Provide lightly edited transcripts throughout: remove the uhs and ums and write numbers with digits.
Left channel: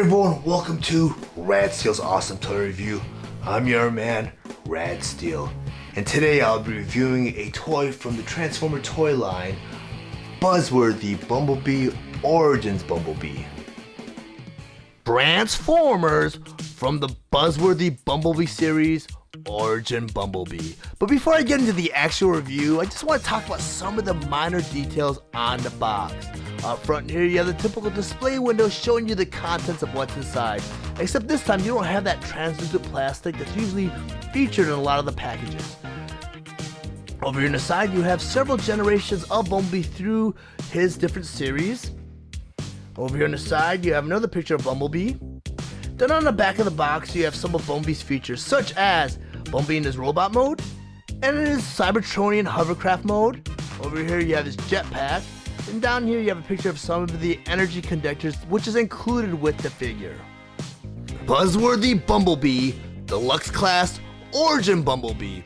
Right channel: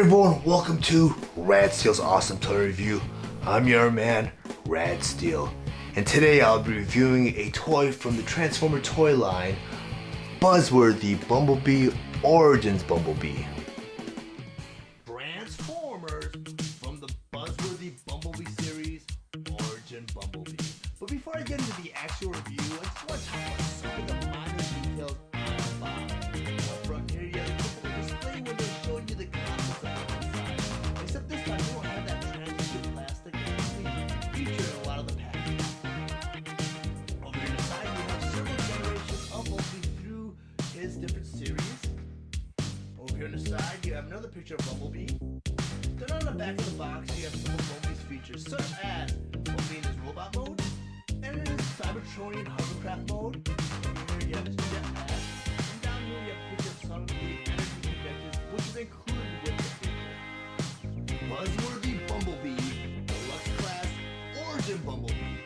everyone, welcome to Rad Steele's Awesome Toy Review. I'm your man, Rad Steele, and today I'll be reviewing a toy from the Transformer toy line, Buzzworthy Bumblebee Origins Bumblebee. Transformers from the Buzzworthy Bumblebee series, Origin Bumblebee. But before I get into the actual review, I just want to talk about some of the minor details on the box. Up front here, you have the typical display window showing you the contents of what's inside. Except this time, you don't have that translucent plastic that's usually featured in a lot of the packages. Over here on the side, you have several generations of Bumblebee through his different series. Over here on the side, you have another picture of Bumblebee. Then on the back of the box, you have some of Bumblebee's features, such as Bumblebee in his robot mode, and in his Cybertronian hovercraft mode. Over here, you have his jetpack. And down here, you have a picture of some of the energy conductors, which is included with the figure. Buzzworthy Bumblebee Deluxe Class Origin Bumblebee.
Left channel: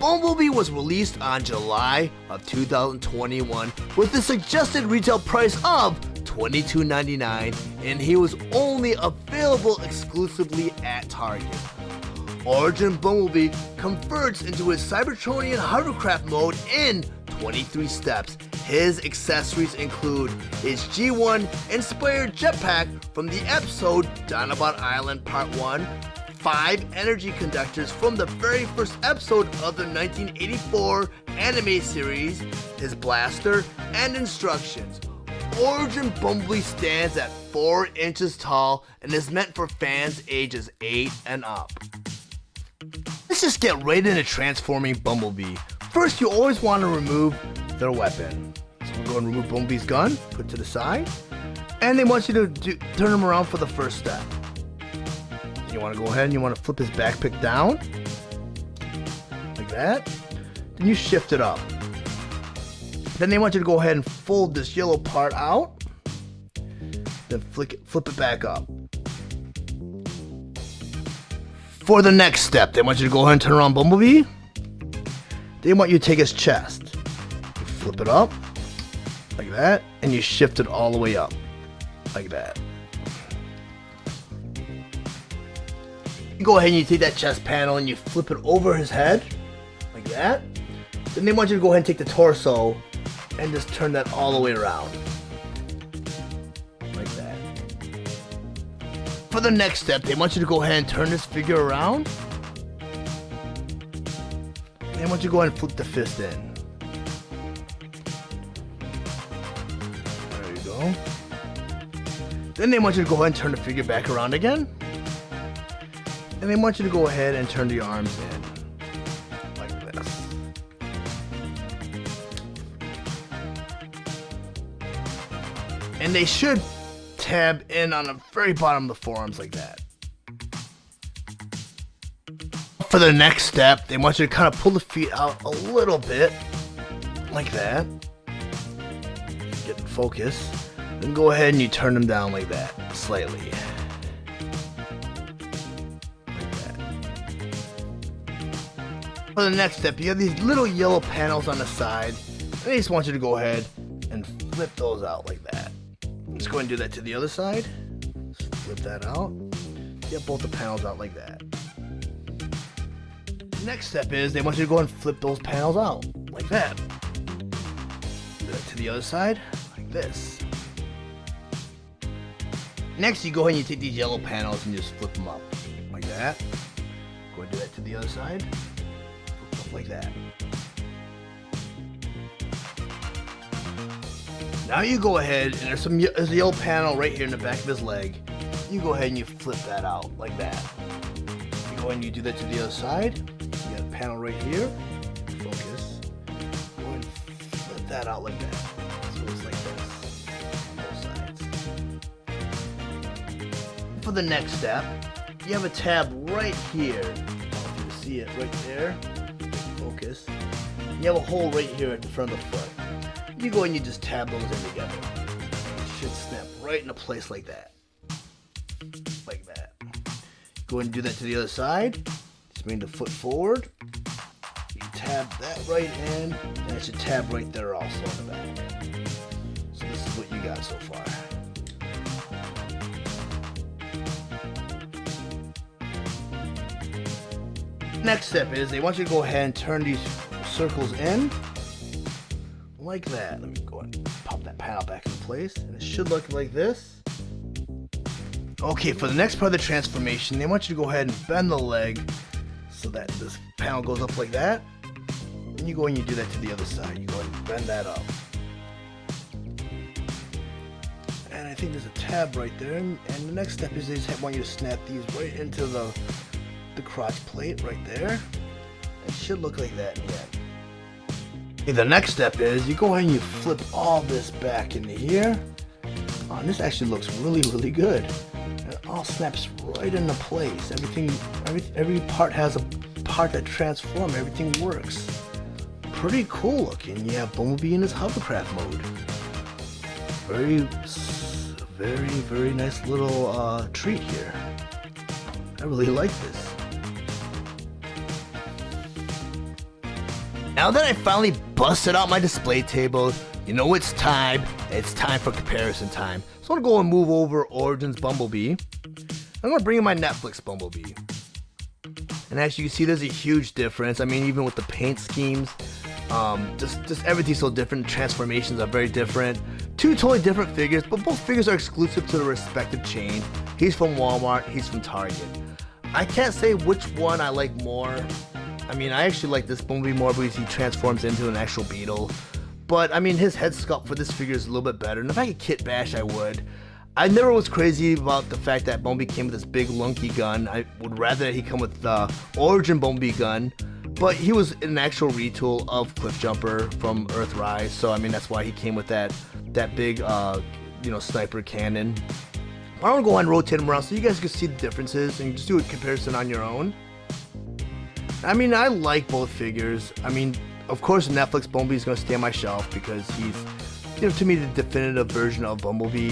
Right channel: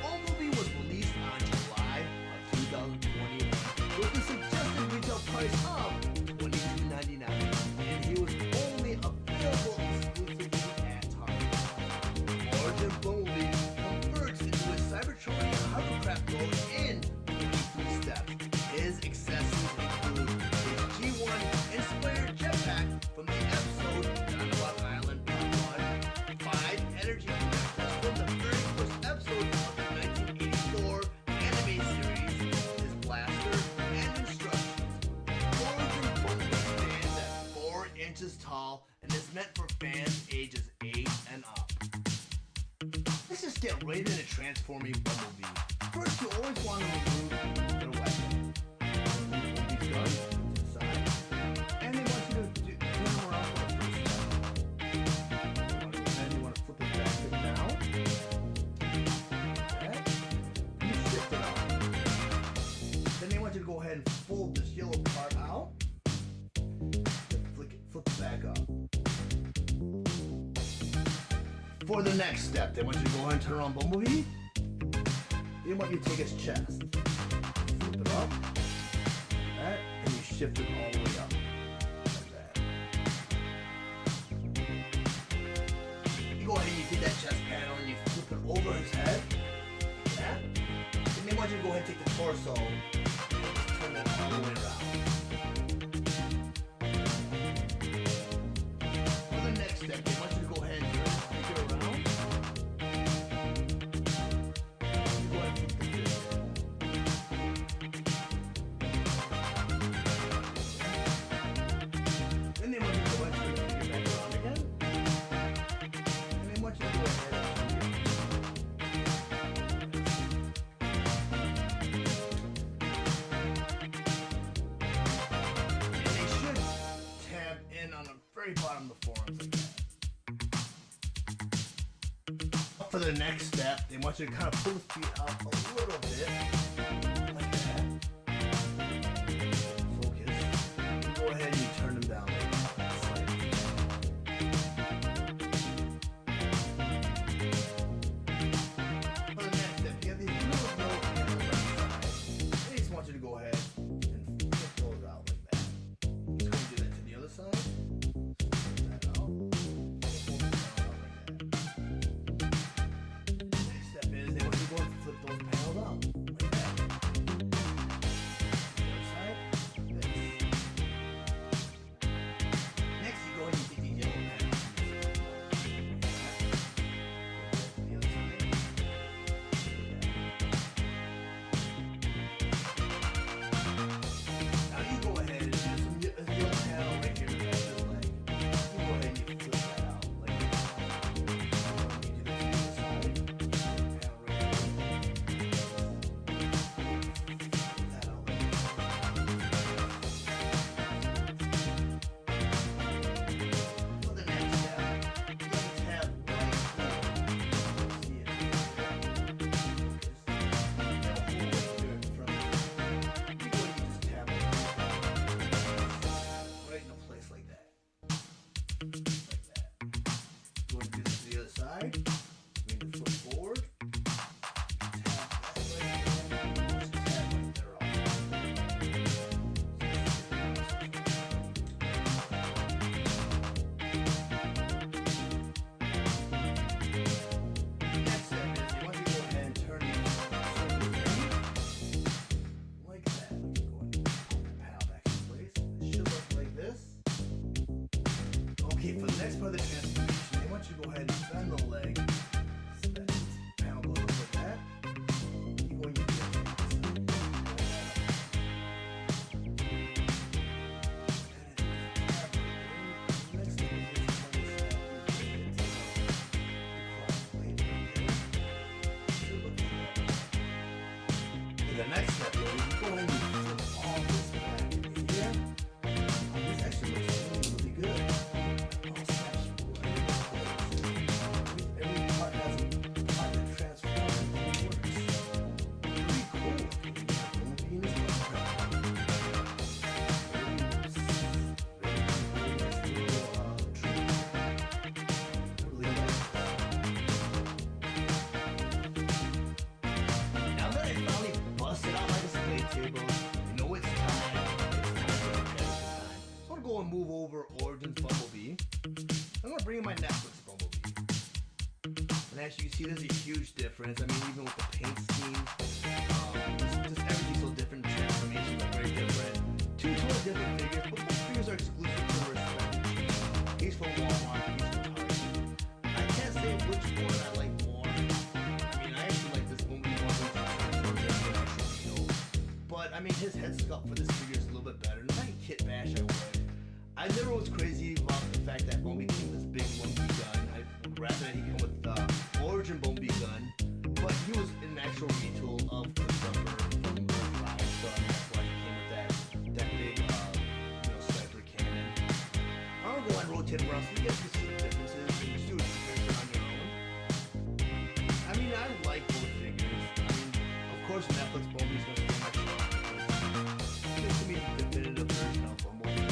Bumblebee was released on July of 2021 with the suggested retail price of $22.99, and he was only available exclusively at Target. Origin Bumblebee converts into his Cybertronian hovercraft mode in 23 steps. His accessories include his G1 inspired jetpack from the episode Dinobot Island Part 1, 5 energy conductors from the very first episode of the 1984 anime series, his blaster, and instructions. Origin Bumblebee stands at 4 inches tall and is meant for fans ages 8 and up. Let's just get right into transforming Bumblebee. First, you always want to remove their weapon. So go and remove Bumblebee's gun, put it to the side, and they want you to turn him around for the first step. You want to go ahead and you want to flip his backpack down, like that. Then you shift it up. Then they want you to go ahead and fold this yellow part out, then flip it back up. For the next step, they want you to go ahead and turn around Bumblebee. They want you to take his chest, flip it up, like that, and you shift it all the way up, like that. You go ahead and you take that chest panel and you flip it over his head, like that. Then they want you to go ahead and take the torso and just turn that all the way around. Like that. For the next step, they want you to go ahead and turn this figure around. They want you to go ahead and flip the fist in. There you go. Then they want you to go ahead and turn the figure back around again. And they want you to go ahead and turn the arms in. Like this. And they should tab in on the very bottom of the forearms like that. For the next step, they want you to kind of pull the feet out a little bit, like that. Get in focus. And go ahead and you turn them down like that, slightly. For the next step, you have these little yellow panels on the side. And I just want you to go ahead and flip those out like that. Let's go ahead and do that to the other side. Let's flip that out. Get both the panels out like that. The next step is they want you to go ahead and flip those panels out like that. Do that to the other side, like this. Next, you go ahead and you take these yellow panels and just flip them up like that. Go ahead and do that to the other side. Like that. Now you go ahead, and there's a yellow panel right here in the back of his leg. You go ahead and you flip that out like that. You go ahead and you do that to the other side. You have a panel right here. Focus. Flip that out like that. So it's like this. For the next step, you have a tab right here. You see it right there. Focus. You have a hole right here at the front of the foot. You go and you just tab those together. It should snap right into place like that. Like that. Go ahead and do that to the other side. Just bring the foot forward. You tab that right in, and it should tab right there also. So this is what you got so far. next step is they want you to go ahead and turn these circles in like that. Let me go ahead and pop that panel back in place, and it should look like this. Okay, for the next part of the transformation, they want you to go ahead and bend the leg so that this panel goes up like that. And you go and you do that to the other side. You go ahead and bend that up. And I think there's a tab right there. And the next step is they just want you to snap these right into the cross plate right there. It should look like that. Okay, the next step is you go ahead and you flip all this back into here. Oh, this actually looks really, really good. It all snaps right into place. Every part has a part that transforms. Everything works. Pretty cool looking. You have Bumblebee in his hovercraft mode. Very nice little treat here. I really like this. Now that I finally busted out my display table, you know it's time. It's time for comparison time. So I'm gonna go and move over Origins Bumblebee. I'm gonna bring in my Netflix Bumblebee. And as you can see, there's a huge difference. I mean, even with the paint schemes, just everything's so different. Transformations are very different. Two totally different figures, but both figures are exclusive to the respective chain. He's from Walmart, he's from Target. I can't say which one I like more. I mean, I actually like this Bumblebee more because he transforms into an actual beetle. But, I mean, his head sculpt for this figure is a little bit better. And if I could kit bash, I would. I never was crazy about the fact that Bumblebee came with this big lunky gun. I would rather that he come with the Origin Bumblebee gun. But he was an actual retool of Cliff Jumper from Earthrise. So, I mean, that's why he came with that big, sniper cannon. I'm going to go on and rotate him around so you guys can see the differences and just do a comparison on your own. I mean, I like both figures. I mean, of course, Netflix Bumblebee is going to stay on my shelf because he's, to me, the definitive version of Bumblebee.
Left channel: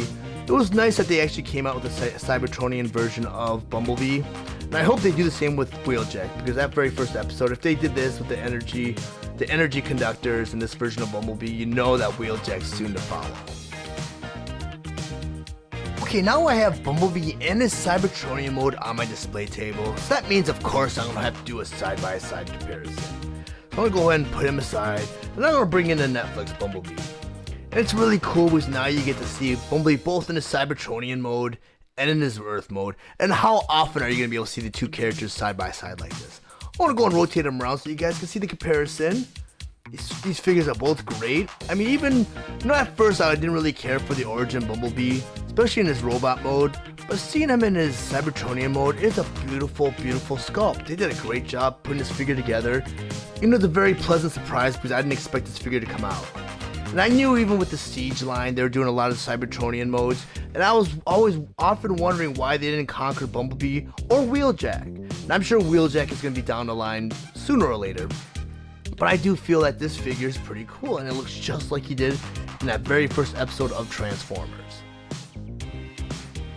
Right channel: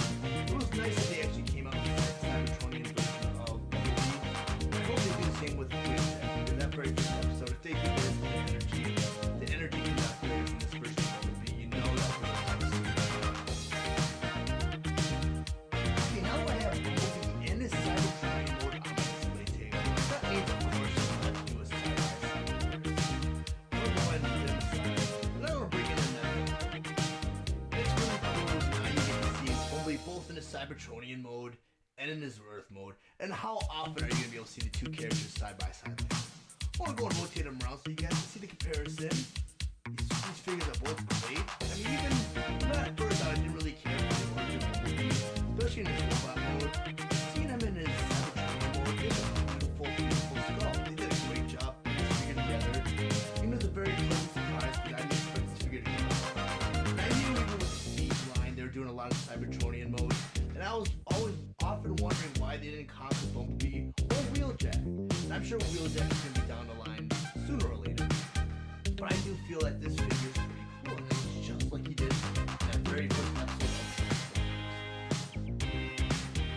It was nice that they actually came out with a Cybertronian version of Bumblebee. And I hope they do the same with Wheeljack, because that very first episode, if they did this with the energy conductors in this version of Bumblebee, you know that Wheeljack's soon to follow. Okay, now I have Bumblebee in his Cybertronian mode on my display table. So that means, of course, I'm going to have to do a side-by-side comparison. I'm going to go ahead and put him aside, and I'm going to bring in the Netflix Bumblebee. And it's really cool because now you get to see Bumblebee both in his Cybertronian mode and in his Earth mode. And how often are you going to be able to see the two characters side-by-side like this? I want to go and rotate them around so you guys can see the comparison. These figures are both great. I mean, even, at first I didn't really care for the Origin Bumblebee, especially in his robot mode, but seeing him in his Cybertronian mode is a beautiful, beautiful sculpt. They did a great job putting this figure together. It was a very pleasant surprise because I didn't expect this figure to come out. And I knew even with the Siege line, they were doing a lot of Cybertronian modes, and I was always often wondering why they didn't conquer Bumblebee or Wheeljack. And I'm sure Wheeljack is going to be down the line sooner or later. But I do feel that this figure is pretty cool, and it looks just like he did in that very first episode of Transformers.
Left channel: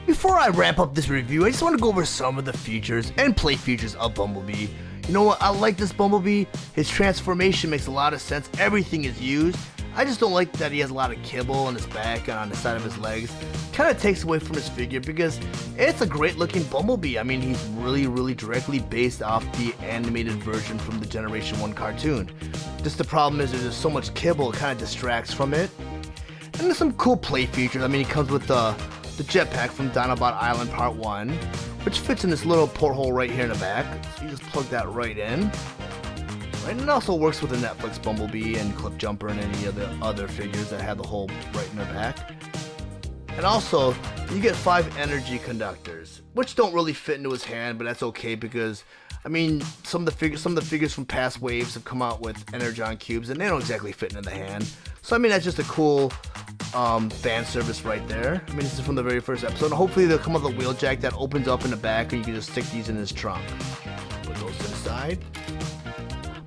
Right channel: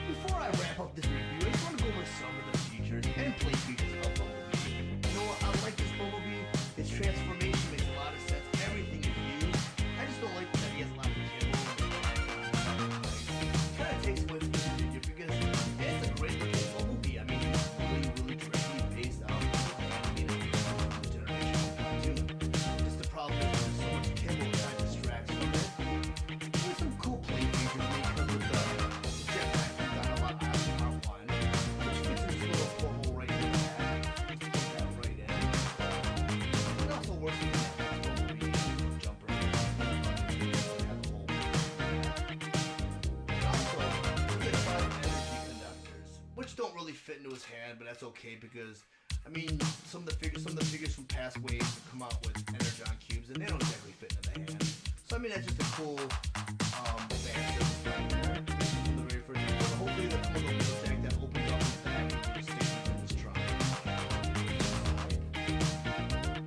Before I wrap up this review, I just want to go over some of the features and play features of Bumblebee. You know what, I like this Bumblebee. His transformation makes a lot of sense. Everything is used. I just don't like that he has a lot of kibble on his back and on the side of his legs. Kind of takes away from his figure because it's a great looking Bumblebee. I mean, he's really directly based off the animated version from the Generation 1 cartoon. Just the problem is there's so much kibble, it kind of distracts from it. And there's some cool play features. I mean, he comes with the jetpack from Dinobot Island Part 1, which fits in this little porthole right here in the back. So you just plug that right in. And it also works with the Netflix Bumblebee and Cliff Jumper and any of the other figures that have the hole right in their back. And also, you get 5 energy conductors, which don't really fit into his hand, but that's okay because, I mean, some of the figures from past waves have come out with Energon cubes, and they don't exactly fit into the hand. So I mean, that's just a cool fan service right there. I mean, this is from the very first episode. And hopefully they'll come with a Wheeljack that opens up in the back, and you can just stick these in his trunk. Put those to the side.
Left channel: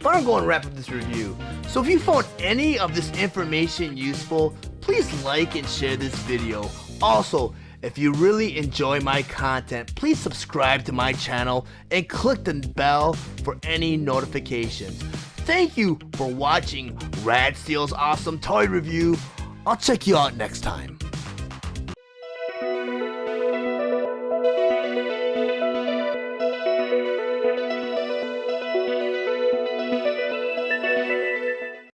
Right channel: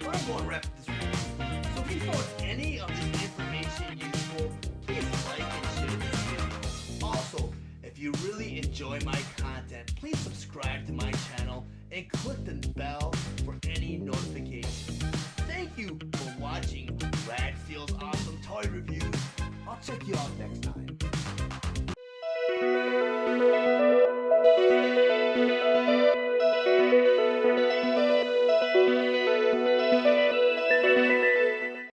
But I'm going to wrap up this review. So if you found any of this information useful, please like and share this video. Also, if you really enjoy my content, please subscribe to my channel and click the bell for any notifications. Thank you for watching Rad Steele's awesome toy review. I'll check you out next time.